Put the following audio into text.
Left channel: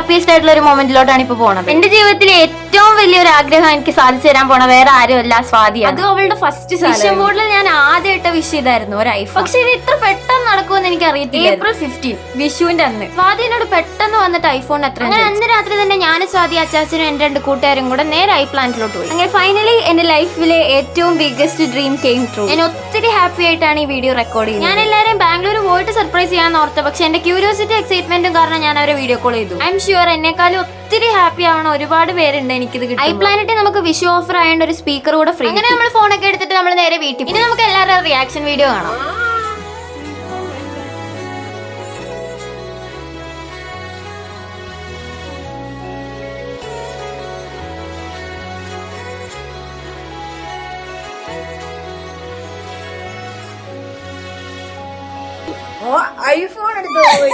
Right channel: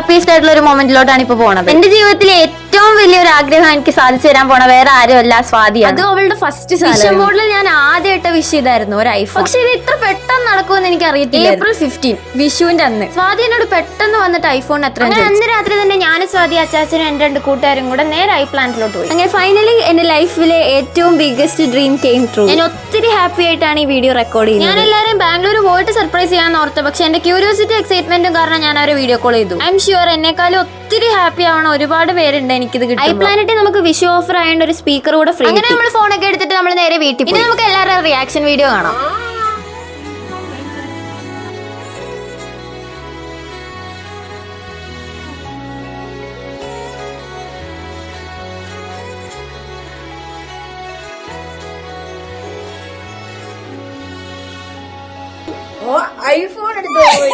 Happiest ആയിട്ടുള്ള ഒരു മൊമെന്റിലോട്ടാണ് ഇപ്പൊ പോണത്. എന്റെ ജീവിതത്തിലെ ഏറ്റവും വലിയൊരു ആഗ്രഹം എനിക്ക് സാധിച്ചു തരാൻ പോണ വേറെ ആരുമല്ല സ്വാതിയാണ്. അത് അവളുടെ ഫസ്റ്റ് വിഷൻ ബോർഡിൽ ഞാൻ ആദ്യമായിട്ട് വിഷ് ചെയ്തായിരുന്നു ഒരു ഐഫോൺ. പക്ഷെ ഇത് ഇത്ര പെട്ടെന്ന് നടക്കുമെന്ന് എനിക്ക് അറിയത്തില്ല. April 15 വിഷുവിന്റെ അന്ന് സ്വാതി എന്നോട് പെട്ടെന്ന് വന്നിട്ട് ഐഫോൺ എത്ര. അന്ന് രാത്രി തന്നെ ഞാനും സ്വാതി അച്ചാച്ചനും എന്റെ 2 കൂട്ടുകാരും കൂടെ നേരെ ഐപ്ലാന്റിലോട്ട് പോയി. അങ്ങനെ ഫൈനലി എന്റെ ലൈഫിലെ ഏറ്റവും ബിഗ്ഗസ്റ്റ് ഡ്രീം കെയിം ട്രൂ. ഞാൻ ഒത്തിരി ഹാപ്പി ആയിട്ടാണ് ഈ വീഡിയോ റെക്കോർഡ് ചെയ്യുന്നത്. ഞാൻ എല്ലാവരും ബാംഗ്ലൂർ പോയിട്ട് സർപ്രൈസ് ചെയ്യാന്ന് ഓർത്ത്, പക്ഷെ എന്റെ ക്യൂരിയോസിറ്റി എക്സൈറ്റ്മെന്റും കാരണം ഞാൻ അവരെ വീഡിയോ കോൾ ചെയ്തു. ഐ എം ഷുവർ എന്നെക്കാളും ഒത്തിരി ഹാപ്പി ആവണ ഒരുപാട് പേരുണ്ട് എനിക്കിത് കിട്ടും. ഐപ്ലാനറ്റിൽ നമുക്ക് വിഷു ഓഫർ ആയതുകൊണ്ട് ഒരു സ്പീക്കർ കൂടെ ഫ്രീ. അങ്ങനെ നമ്മൾ ഫോണൊക്കെ എടുത്തിട്ട് നമ്മൾ നേരെ വീട്ടിൽ പോയി. നമുക്ക് എല്ലാവരും റിയാക്ഷൻ വീഡിയോ കാണാം. ഐഫോൺ എടുത്തു പോയി.